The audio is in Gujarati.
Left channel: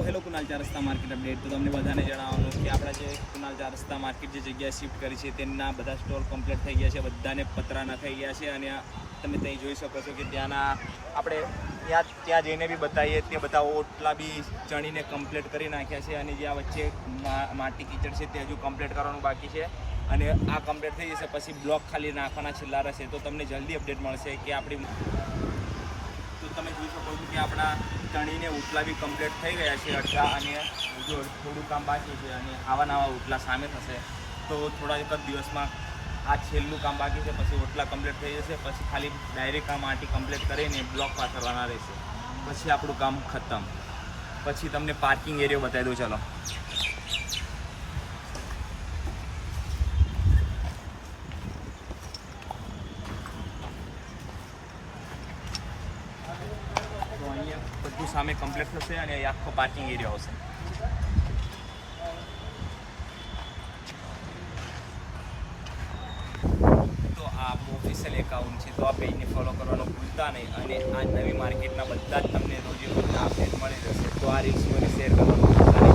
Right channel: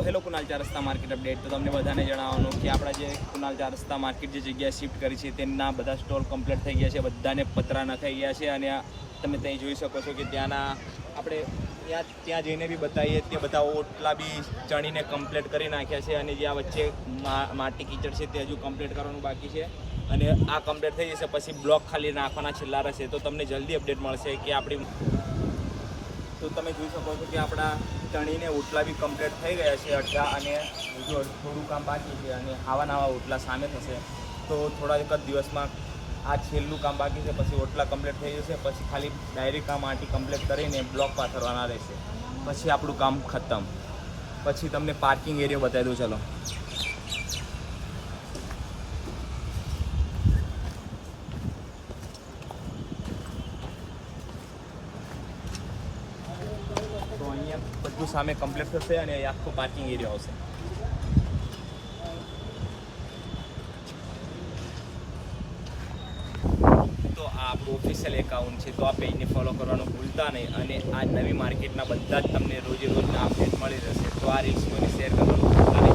તો હેલો કુનાલ 4 રસ્તા માર્કેટ અપડેટ. તો તમને બધાને જણાવવાનું કે આપણા જે કુનાલ 4 રસ્તા માર્કેટ જે જગ્યાએ શિફ્ટ કરી છે તેમના બધા સ્ટોલ કમ્પ્લીટ થઈ ગયા છે, બધાને પતરા નખાઈ ગયા છે. અને તમે ત્યાં જોઈ શકો છો કે ત્યાંના આપણે ત્યાં જઈને બી બતાવીએ તે બધા ઓટલા બી ચણીને કમ્પ્લીટ કરી નાખ્યા છે. અને જે આ વચ્ચે માટી કીચડ છે તે હજુ કમ્પ્લીટ કરવાનું બાકી છે. અને આ કમ્પ્લીટ થઈ જશે પછી બ્લોક ખાલી નાખવાના છેલ્લા રહેશે. તો તમને જલ્દી અપડેટ મળશે કે આપણી તો તમે જોઈ શકો છો કે આપણા ચણીને ઓટલા બી કમ્પ્લીટ થઈ ગયા છે અડધા, અને હજુ થોડું કામ બાકી છે. અને આવા નવા ઓટલા સામે થશે. તો થોડા એક જ દિવસમાં આ છેલ્લું કામ બાકી છે, પછી ઓટલા કમ્પ્લીટ થઈ જશે. પછી ખાલી ડાયરેક્ટ આ માટી કમ્પ્લીટ કરીને બ્લોક પાથરવાના રહેશે. પછી આપણું કામ ખતમ. પછી તમને પાર્કિંગ એરિયો બતાવી દઉં. ચલો, તો અહીંયા બધું સામે કમ્પ્લીટ થશે અને આખો પાર્કિંગ એરિયા આવશે. તો આ આપણું ઓફિશિયલ એકાઉન્ટ છે, તો આ પેજને ફોલો કરવાનું ભૂલતા નહીં. અને આ નવી માર્કેટના બધા જ તમને રોજે રોજના અપડેટ મળી જશે. તો આ રીલ્સ કોઈને શેર કરવાનું ભૂલતા નહીં.